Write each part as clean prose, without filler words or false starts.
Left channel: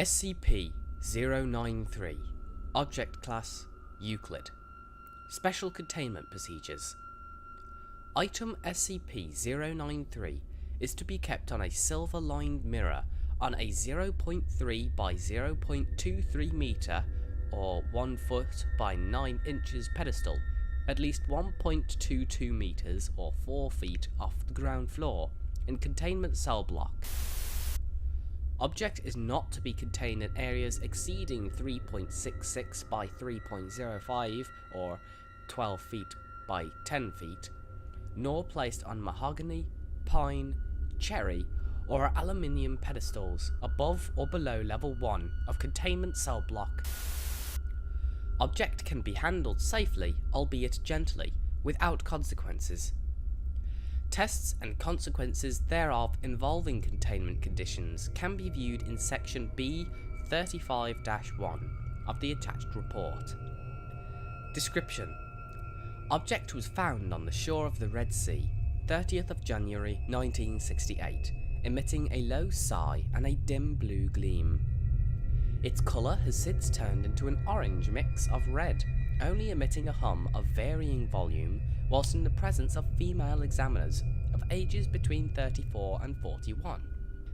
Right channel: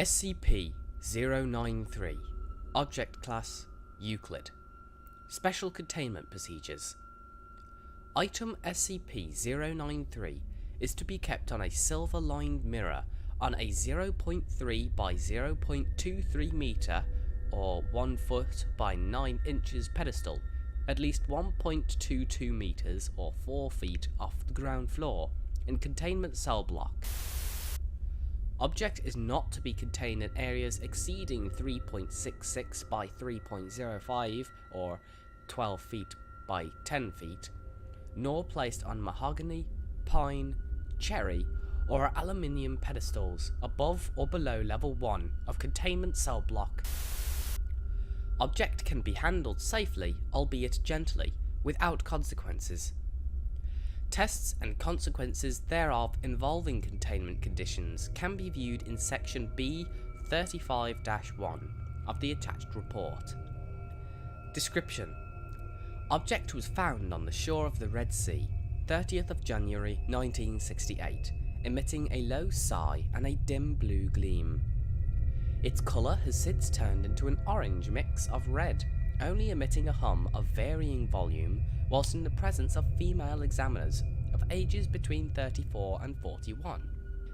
SCP-093 Object Class Euclid. Special Containment Procedures. Item SCP-093 is to be kept on a silver-lined mirror on a 0.3 by 0.23 meter or 1 foot by 9 inches pedestal, at least 1.22 meters or 4 feet off the ground floor, in containment cell block. Object is not to be contained in areas exceeding 3.66 by 3.05 or 12 feet by 10 feet, nor placed on mahogany, pine, cherry, or aluminium pedestals above or below level 1 of containment cell block. Object can be handled safely, albeit gently, without consequences. Tests and consequences thereof involving containment conditions can be viewed in Section B 35-1 of the attached report. Description: Object was found on the shore of the Red Sea, 30th of January 1968, emitting a low sigh and a dim blue gleam. Its colour has since turned into an orange mix of red, only emitting a hum of varying volume whilst in the presence of female examiners of ages between 34 and 41.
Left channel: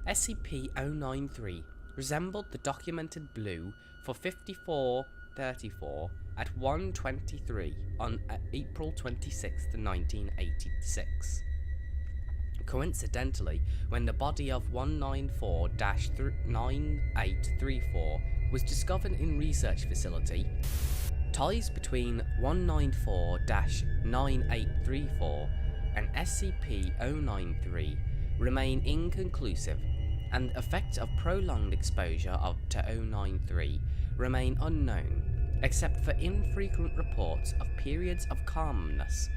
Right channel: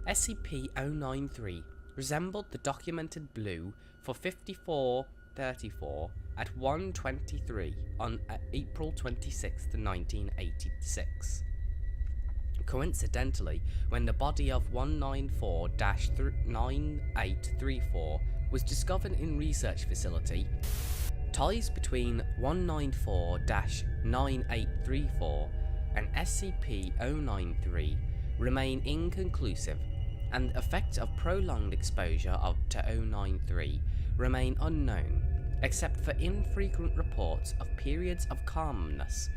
SCP-093 resembled the documented blue for 5434 at 1:23 on April 26, 1986. Coincidentally, when the body of 194-9834 was discovered in research facility, ties between 194-9834 and SCP-093 remain inconclusive, and the effects of prolonged exposure to 093 remain unknown, except for infrequent reports of periods of calmness,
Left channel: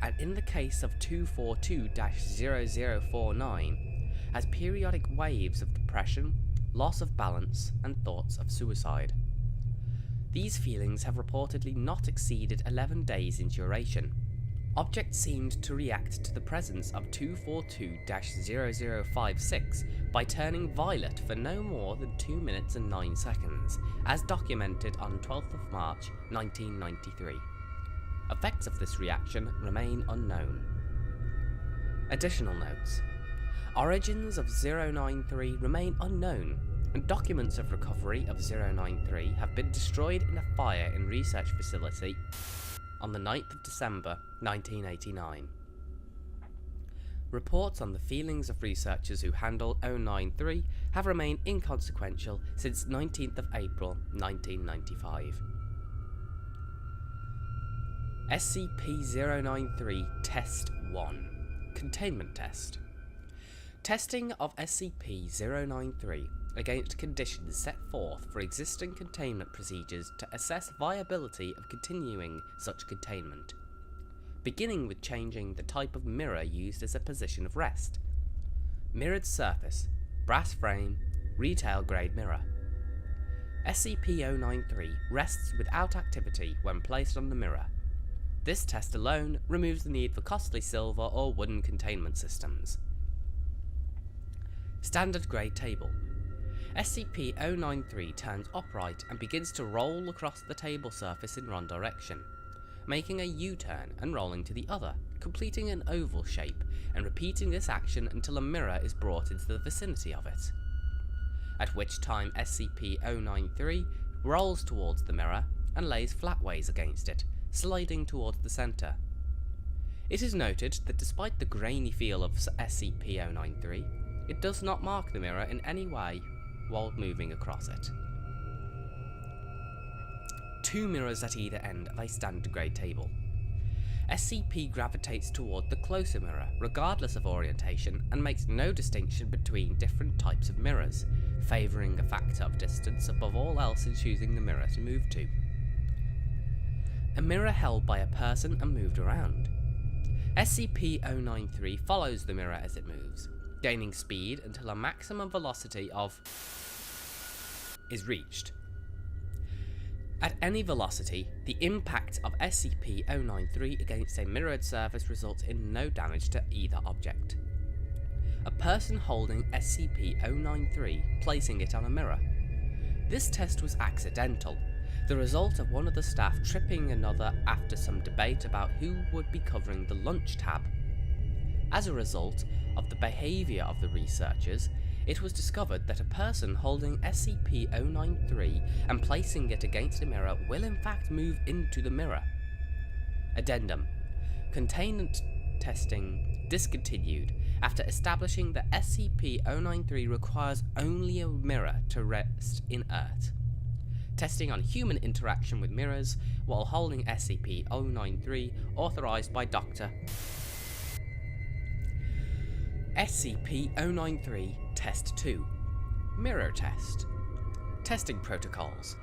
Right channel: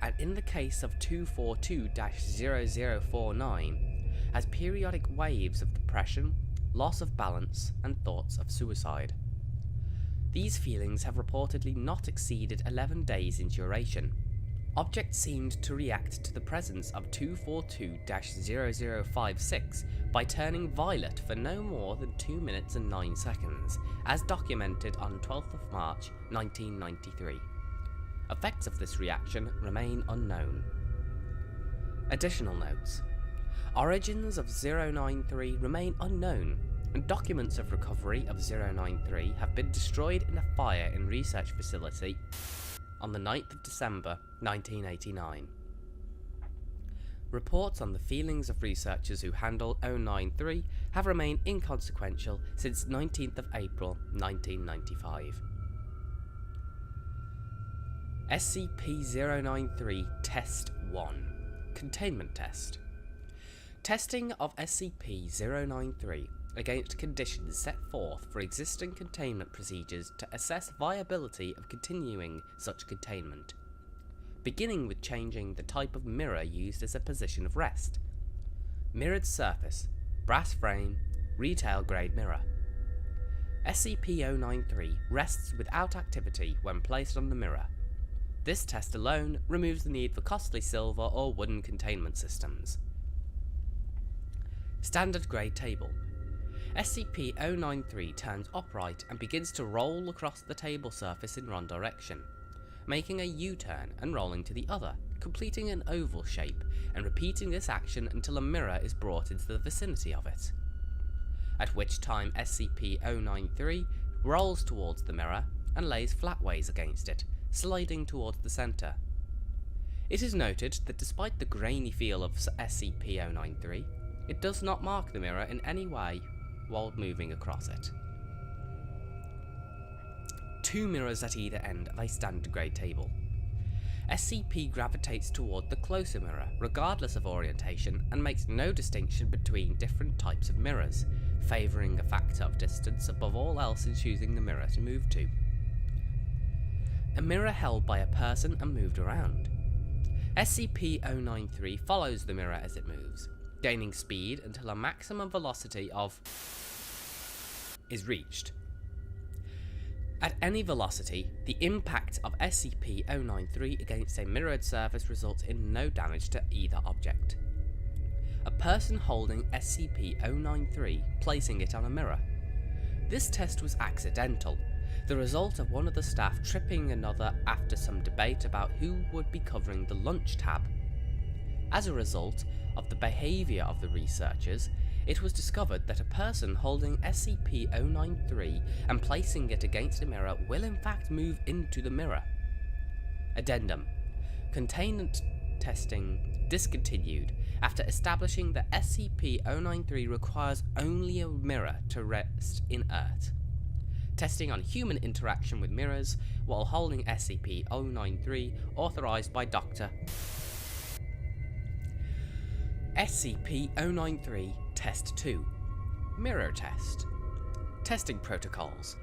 and in the case of 242-0049, as periodic waves of depression, loss of balance, and thoughts of suicide. These feelings have reportedly not exceeded 11 days in duration. Object seemed to react to the presence of 242-0056 by turning violet for no more than 2 minutes and 9 seconds, as documented on 12th of March 1993. Effects of this reaction remain unknown. Additional notes: Origins of 093 remain unknown, and documents of recovery of 093 have been destroyed in a fire in research facility on the 9th of December 1989. Reports on the feelings of researchers who handle 093 have remained inconsequential since 19th of April 1995. SCP-093 Test 1 Containment Test. Testing of SCP-093 against conditions set forth for existing containment procedures to assess viability of continuing such containment, beginning with changing the type of mirror used as a position of rest. Mirrored surface, brass frame, retail grade mirror. SCP-093 rests without activity when placed on the mirror. This test alone removes the need for costly silver or wooden containment systems. Standard grade table. SCP-093 turns upright and begins to roll across the table surface in one direction, making a U-turn and rolling to the other, completing an oval shape, and repeating this action until a mirror is brought into the vicinity of it. At which time SCP-093 rolls towards the mirror and lays flatways against it, sliding towards the centre. It is noted that despite the grainy feel of SCP-093, it does not mark the mirror in any way while moving across it. 2 mirrors at either end of a standard grade table. SCP gravitates toward the closer mirror regardless of orientation and makes no distinction between different types of mirrors, favouring a factor of distance above all else in choosing the mirror to move to. A mirror held by a person and moved around. SCP-093 follows the mirror as it moves, gaining speed until a maximum velocity of is reached. At any velocity, the impact of SCP-093 against a mirrored surface results in no damage to either object. A person holding SCP-093 placing it on a mirror. This test was accidental, the result of one of the staff tripping another after some debate about who would be covering the lunch tab. As a result of the behaviour of the researchers, it was discovered that a person holding SCP-093 and placing it against a mirror will in fact move into the mirror. Addendum. Containment testing discontinued after establishing that SCP-093 requires only a mirror to rest inert. Testing on human interaction with mirrors while holding SCP-093 authorized by Dr. SCP-093 Test 2. Mirror Test. Testing Protocols.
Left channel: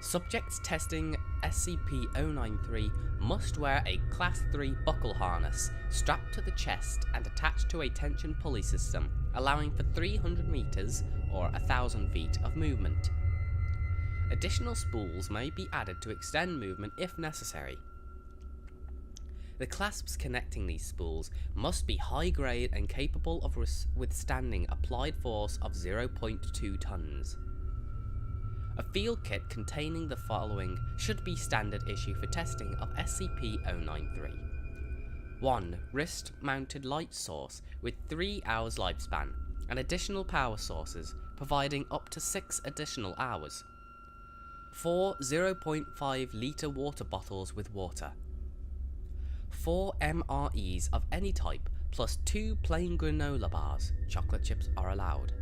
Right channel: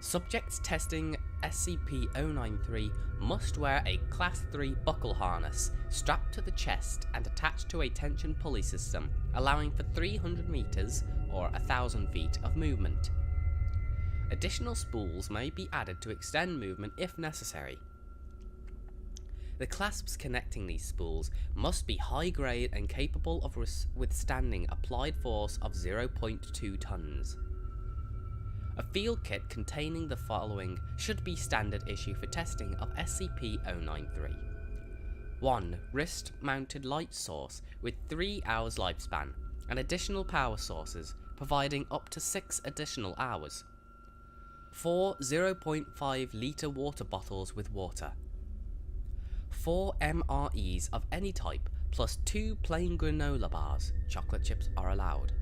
Subjects testing SCP-093 must wear a Class 3 buckle harness strapped to the chest and attached to a tension pulley system, allowing for 300 meters or 1,000 feet of movement. Additional spools may be added to extend movement if necessary. The clasps connecting these spools must be high grade and capable of withstanding applied force of 0.2 tons. A field kit containing the following should be standard issue for testing of SCP-093. 1. Wrist-mounted light source with 3 hours lifespan, and additional power sources providing up to 6 additional hours. 4 0.5 litre water bottles with water. 4 MREs of any type plus 2 plain granola bars, chocolate chips are allowed.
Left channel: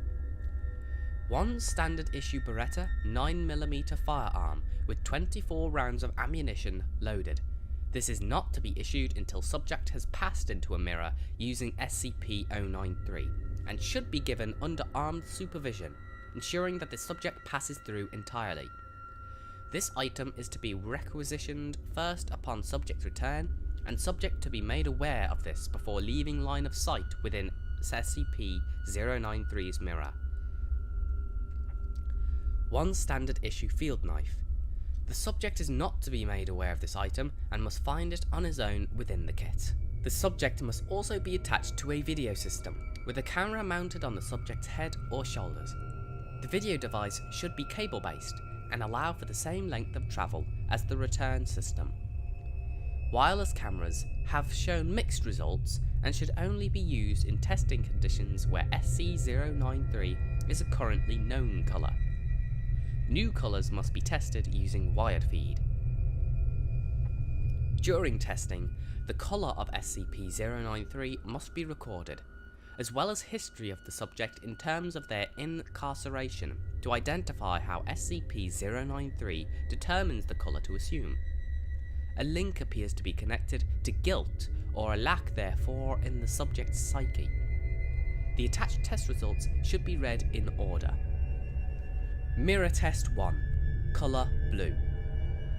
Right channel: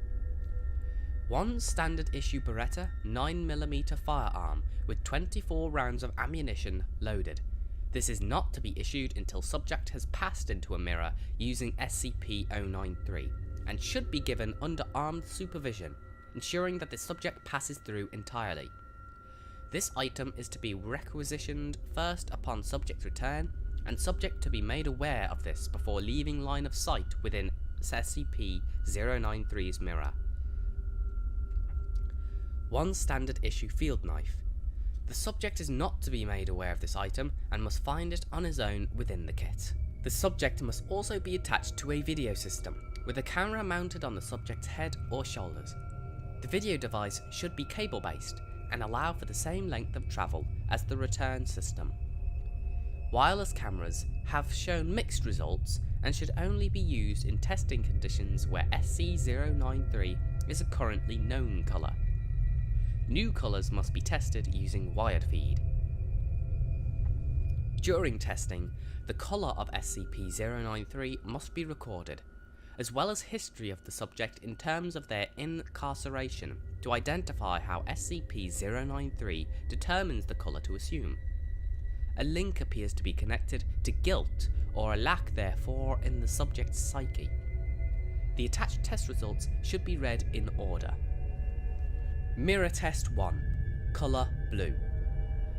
1 standard issue Beretta 9mm firearm with 24 rounds of ammunition loaded. This is not to be issued until subject has passed into a mirror using SCP-093 and should be given under armed supervision, ensuring that the subject passes through entirely. This item is to be requisitioned first upon subject's return, and subject to be made aware of this before leaving line of sight within SCP-093's mirror. 1 standard issue field knife. The subject is not to be made aware of this item and must find it on his own within the kit. The subject must also be attached to a video system, with a camera mounted on the subject's head or shoulders. The video device should be cable based and allow for the same length of travel as the return system. Wireless cameras have shown mixed results and should only be used in testing conditions where SC-093 is a currently known colour. New colours must be tested using wired feed. During testing, the colour of SCP-093 must be recorded, as well as history of the subject in terms of their incarceration to identify how SCP-093 determines the colour to assume. A link appears to be connected to guilt or a lack therefore in the subject's psyche. The attached test results should be read in order. Mirror Test 1. Colour Blue.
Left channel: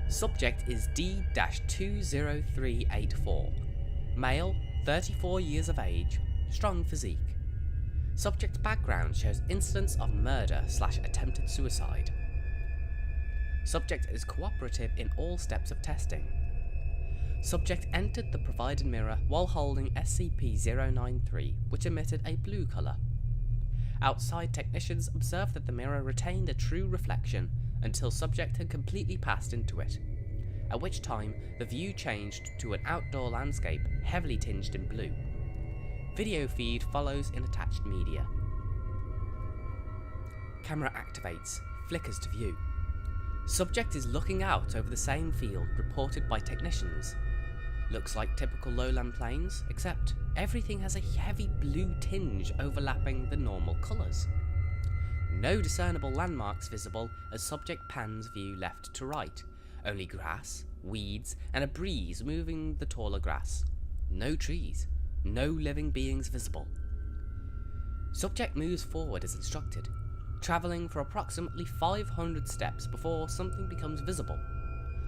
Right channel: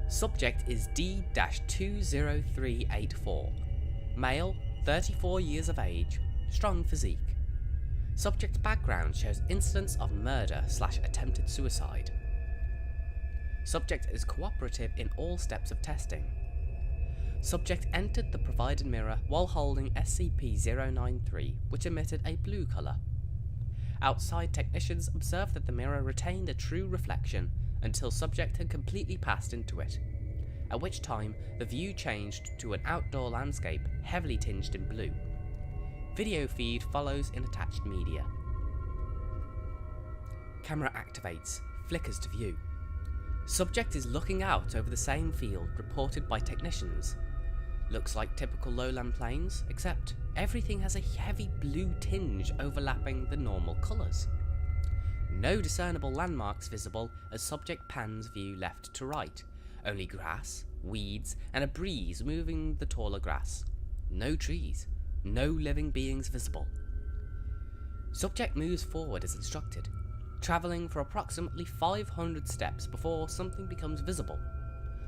Subject is D-20384. Male, 34 years of age, strong physique. Subject's background shows incidents of murder/attempted suicide. Subject is cooperative in all steps of testing. Subject entered the provided mirror while holding SCP-093, which emitted a blue colour. Outside technicians observed that the mirror retained a true reflection until subject had completely passed into it, at which time the view changed to an outdoor landscape heavily tinged in blue. Video feed follows in attached media. Camera activates, flickers to view. Subject is looking out over the same field reported by technicians. Looks like typical lowland plains, except everything has a heavy blue tinge overlapping the normal colours. No discernible landmarks visible as subject pans view left to right, only grass, weeds and a breeze moving the taller grass. No trees, no living beings visible. Subject moves forward as instructed, travelling for approximately 500 steps before something becomes visible.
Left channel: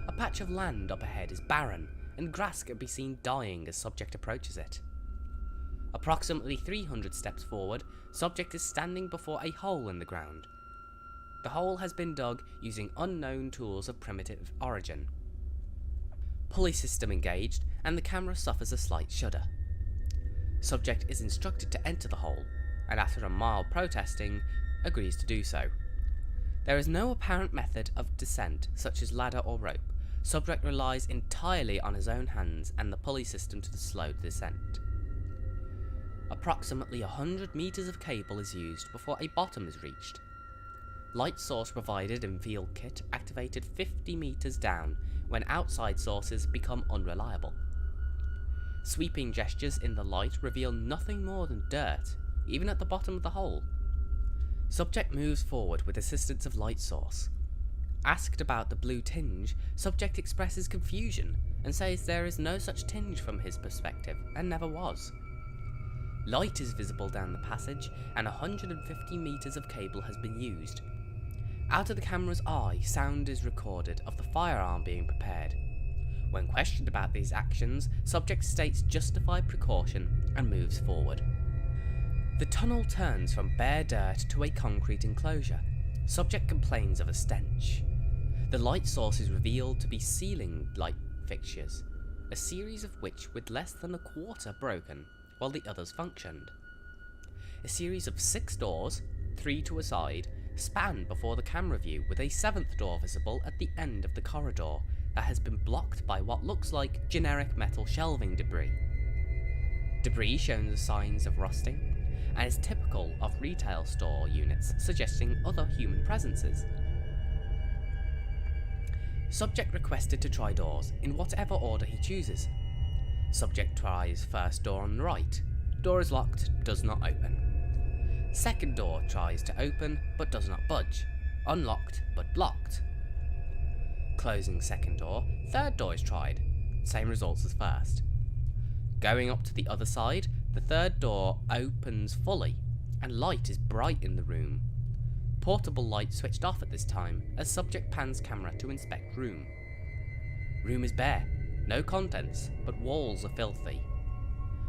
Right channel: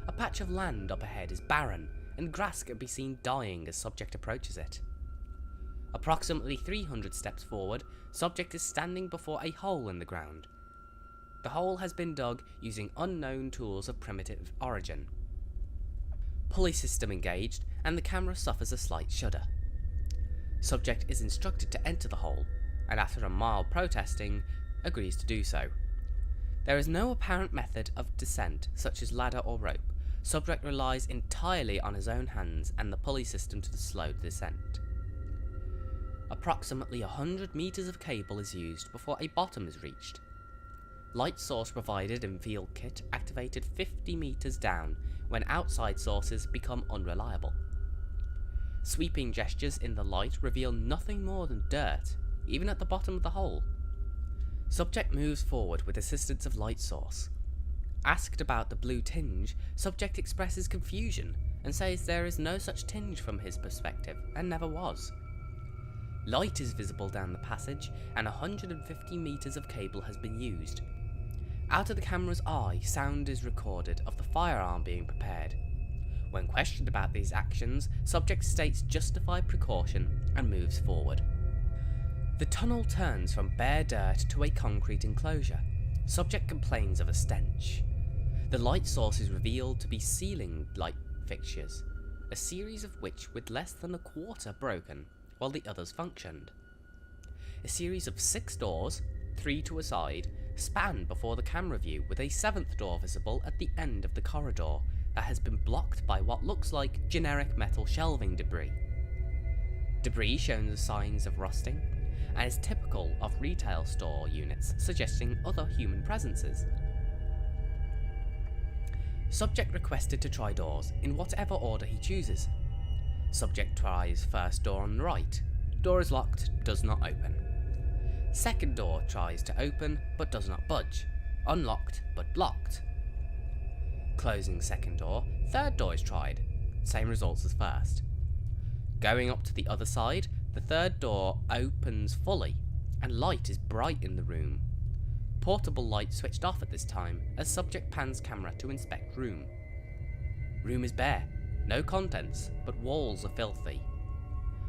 A patch of land up ahead is barren, and grass can be seen dying as subject approaches it. Approximately 300 steps forward, subject is standing before a hole in the ground. The hole has been dug using unknown tools of primitive origin. Pulley system engaged, and the camera suffers a slight shudder. Subject is instructed to enter the hole, and after a mild protesting, agrees to do so. There is no apparent method of descent, such as ladder or rope. Subject relies entirely on his own hands and the pulley system to slow the descent. Approximately 100 meters of cable is used before a bottom is reached. Light source provided in field kit activated 50 meters down when outside sources become unreliable. Sweeping gestures in the light reveal nothing more than dirt, even at the bottom of the hole. Subject moves forward with assistance of light source. Asked about the blue tinge, subject expresses confusion and says there is no such tinge from his perspective and never was. Light is visible down the passage and 150 meters of cable has been used. Out of the camera's eye, sound is recorded of the firearm being prepared. When questioned about these actions, subject states justified precaution and moves forward. The tunnel turns from bare dirt to a concrete enclosure. Subject complains of a stench. The light source is revealed to be ceiling light fixtures, a series of which with less than a quarter broken, while the others functioned. A series of 6 doors, 3 to a side, span before the camera view with a 7th door visible at the end of the corridor that has been blocked by what looks like generic metal shelving debris. Debris shows signs of rusting, and is typical of retail store units, suggesting other human presences. Subject requested to try doors in whatever order he chooses. Subject tries first door on the right. Door is locked, does not open. Second door tries to open, but does not budge. Unlocked, but blocked. Closing second door, third door is tried. Same results as first. Going up to the other side, the third door opens fully, and light is bright in the room. Portable light switched off at this time, as subject pans camera to inspect room. Room is bare, no contents, but walls are filthy.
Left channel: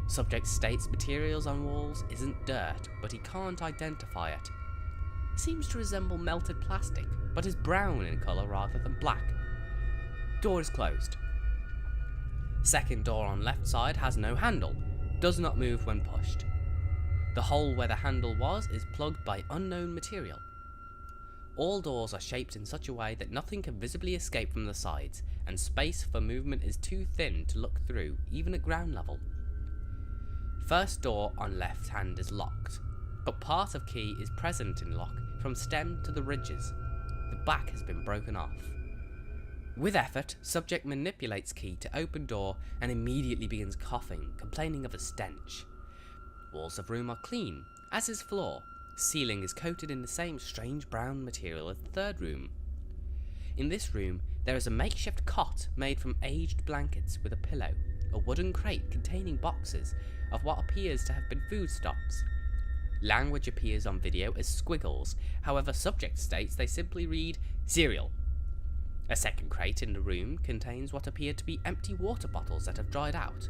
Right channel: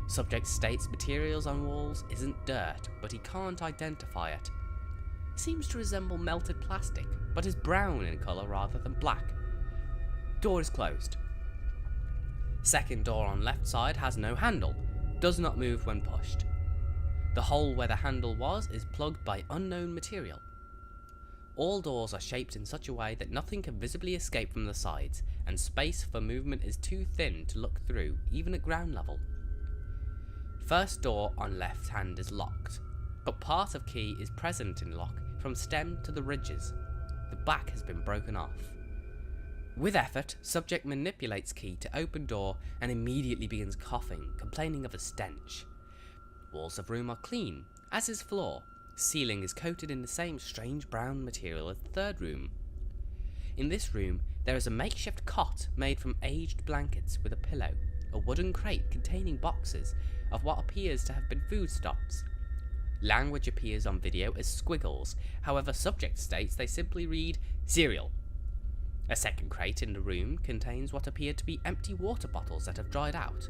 Subject states materials on walls isn't dirt, but he can't identify it. Seems to resemble melted plastic, but is brown in colour rather than black. Door is closed. Second door on left side has no handle, does not move when pushed. The hole where the handle was is plugged by unknown material. All doors are shaped in such a way that nothing can visibly escape from the sides, and space for movement is too thin to look through, even at ground level. First door on left hand is locked, but part of key is present in lock from stem to the ridges. The back has been broken off. With effort, subject manipulates key to open door and immediately begins coughing, complaining of a stench. Walls of room are clean, as is floor. Ceiling is coated in the same strange brown material as the third room. In this room, there is a makeshift cot made from aged blankets with a pillow, a wooden crate containing boxes of what appears to have been foodstuffs. Language appears on video as squiggles, however subject states they simply read cereal. A second crate in the room contains what appear to be empty water bottles that have dried out.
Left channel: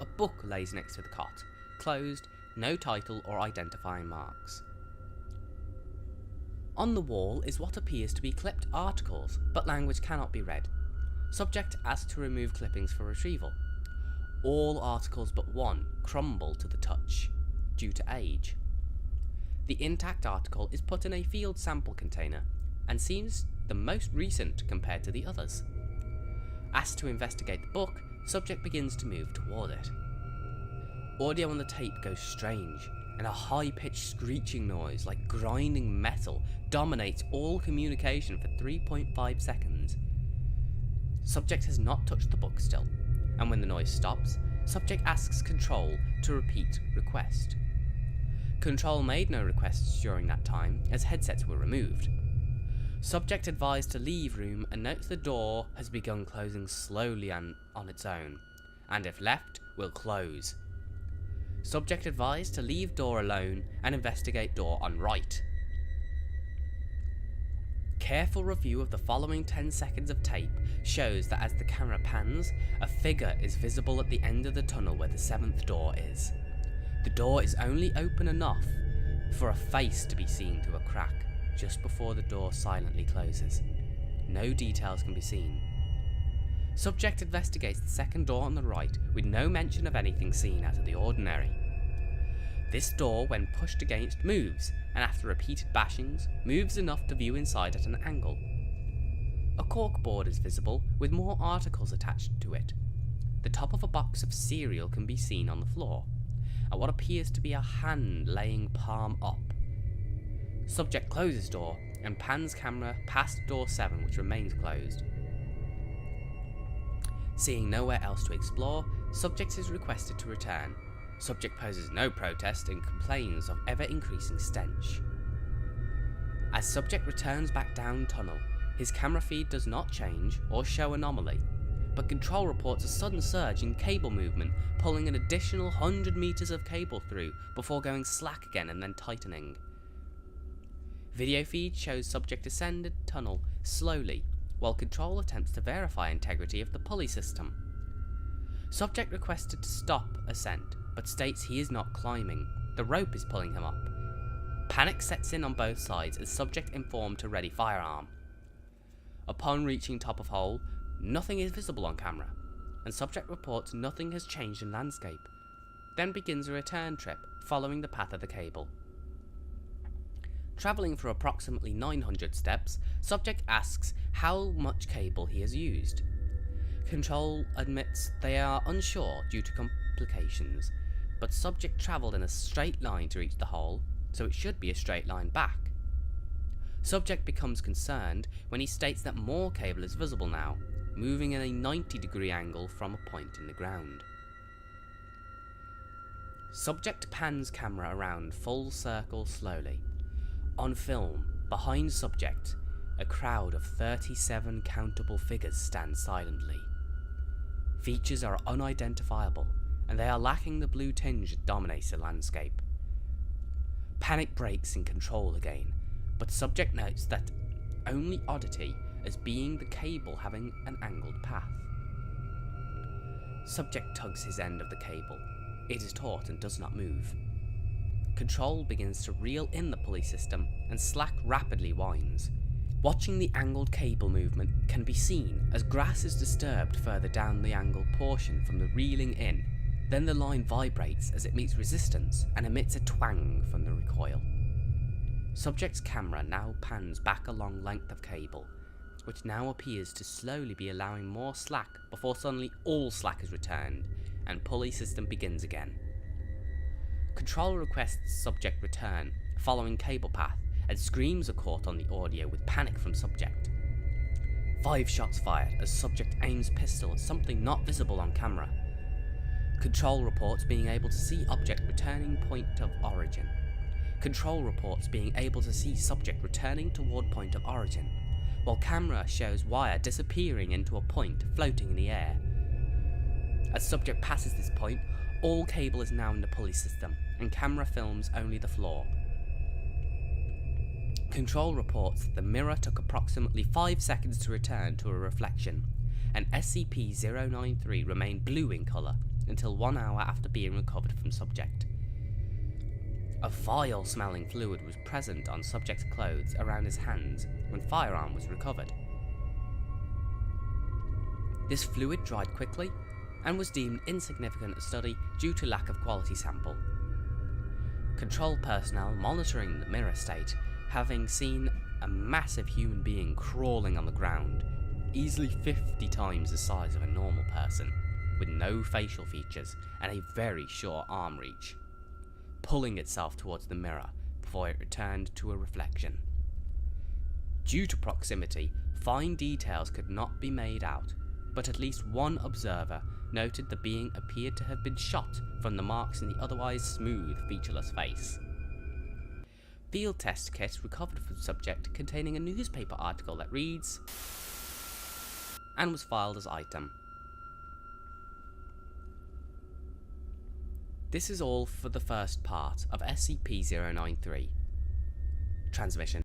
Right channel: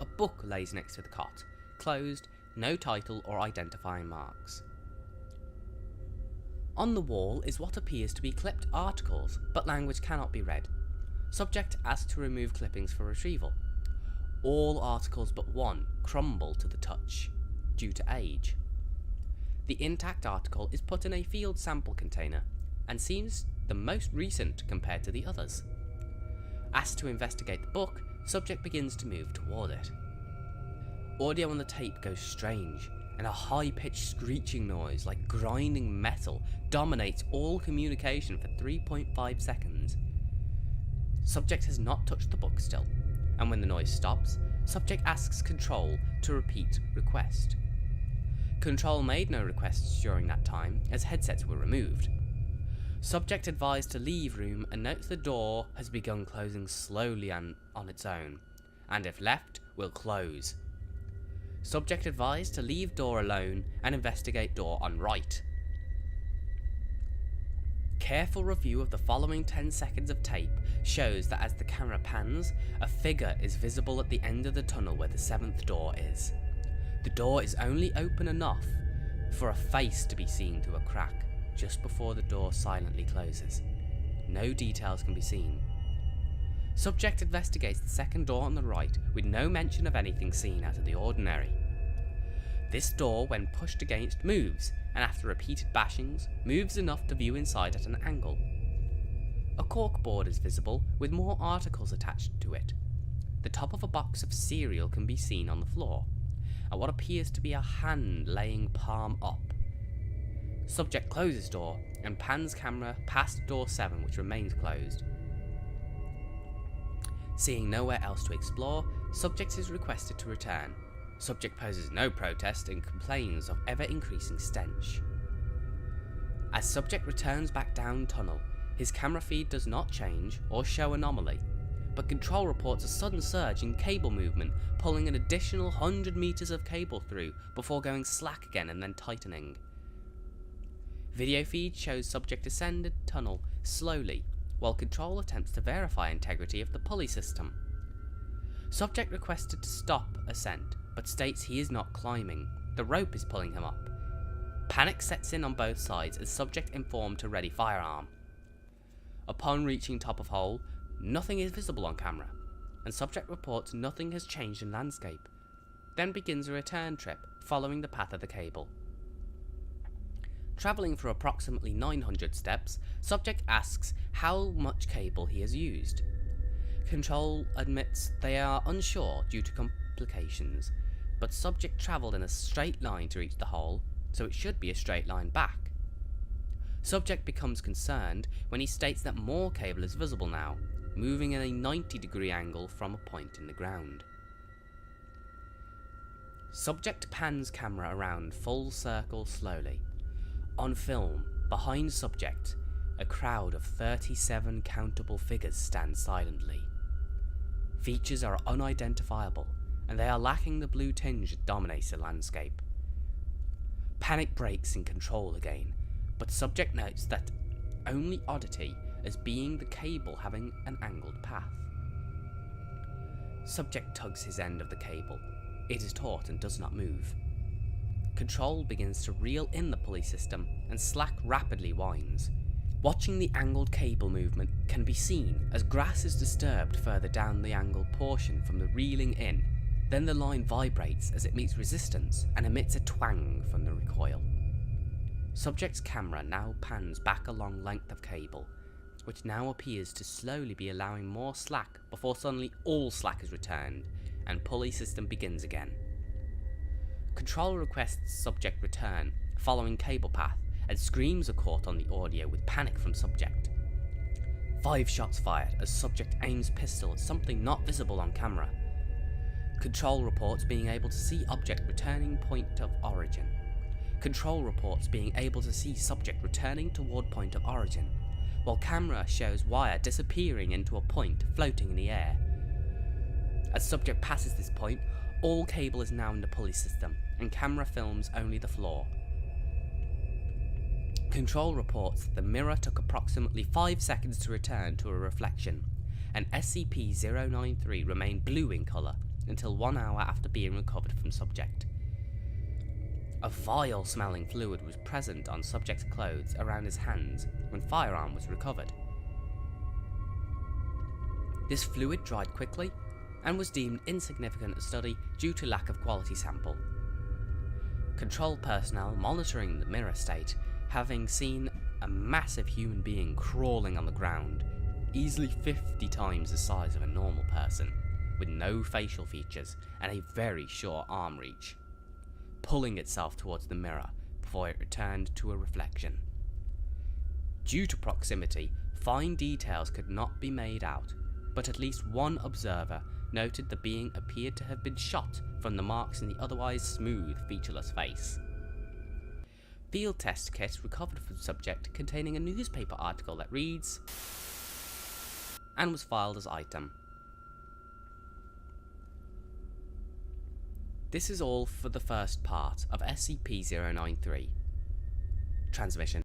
A book lays next to the cot, closed, no title or identifying marks. On the wall is what appears to be clipped articles, but language cannot be read. Subject asked to remove clippings for retrieval. All articles but one crumble to the touch, due to age. The intact article is put in a field sample container, and seems the most recent compared to the others. Asked to investigate the book, subject begins to move toward it. Audio on the tape goes strange, and a high-pitched screeching noise like grinding metal dominates all communication for 3.5 seconds. Subject has not touched the book still, and when the noise stops, subject asks Control to repeat request. Control made no requests during that time, as headsets were removed. Subject advised to leave room and notes the door has begun closing slowly on its own, and if left, will close. Subject advised to leave door alone and investigate door on right. Careful review of the following 10 seconds of tape shows that as the camera pans, a figure is visible at the end of the tunnel where the 7th door is. The door is only open enough for a face to be seen through a crack, just before the door silently closes. No details can be seen. Subject investigates the second door on the right with no mention of anything seen out of the ordinary. This door, when pushed against, moves, and after repeated bashings, moves enough to view inside at an angle. A corkboard is visible, with more articles attached to it. The top of a box of cereal can be seen on the floor, and what appears to be a hand laying palm up. Subject closes door, and pans camera past door 7, which remains closed. Seeing nowhere else to explore, subject is requested to return. Subject poses no protest and complains of ever-increasing stench. As subject returns back down tunnel, his camera feed does not change or show anomaly, but control reports a sudden surge in cable movement, pulling an additional 100 meters of cable through before going slack again and then tightening. Video feed shows subject ascended tunnel slowly, while control attempts to verify integrity of the pulley system. Subject requested to stop ascent, but states he is not climbing. The rope is pulling him up. Panic sets in on both sides as subject informed to ready firearm. Upon reaching top of hole, nothing is visible on camera, and subject reports nothing has changed in landscape, then begins a return trip following the path of the cable. Travelling for approximately 900 steps, subject asks how much cable he has used. Control admits they are unsure due to complications, but subject travelled in a straight line to reach the hole, so it should be a straight line back. Subject becomes concerned when he states that more cable is visible now, moving in a 90-degree angle from a point in the ground. Subject pans camera around full circle slowly. On film, behind subject, a crowd of 37 countable figures stand silently. Features are unidentifiable, and they are lacking the blue tinge that dominates the landscape. Panic breaks in control again, but subject notes that only oddity as being the cable having an angled path. Subject tugs his end of the cable. It is taut and does not move. Control begins to reel in the pulley system, and slack rapidly winds. Watching the angled cable movement can be seen as grass is disturbed further down the angled portion from the reeling in. Then the line vibrates as it meets resistance and emits a twang from the recoil. Subject's camera now pans back a long length of cable, which now appears to slowly be allowing more slack before suddenly all slack is returned, and pulley system begins again. Control requests subject return, following cable path, and screams are caught on the audio with panic from subject. 5 shots fired as subject aims pistol at something not visible on camera. Control reports being able to see object returning point of origin. Control reports being able to see subject returning toward point of origin, while camera shows wire disappearing into a point floating in the air. As subject passes this point, all cable is now in the pulley system, and camera films only the floor. Control reports that the mirror took approximately 5 seconds to return to a reflection, and SCP-093 remained blue in colour until 1 hour after being recovered from subject. A vile smelling fluid was present on subject's clothes around his hands when firearm was recovered. This fluid dried quickly and was deemed insignificant to study due to lack of quality sample. Control personnel monitoring the mirror state, having seen a massive human being crawling on the ground, easily 50 times the size of a normal person, with no facial features and a very short arm reach, pulling itself towards the mirror before it returned to a reflection. Due to proximity, fine details could not be made out, but at least one observer noted the being appeared to have been shot from the marks in the otherwise smooth, featureless face. Field test kit recovered from subject containing a newspaper article that reads, and was filed as item. This is all for the first part of SCP-093. Transmission.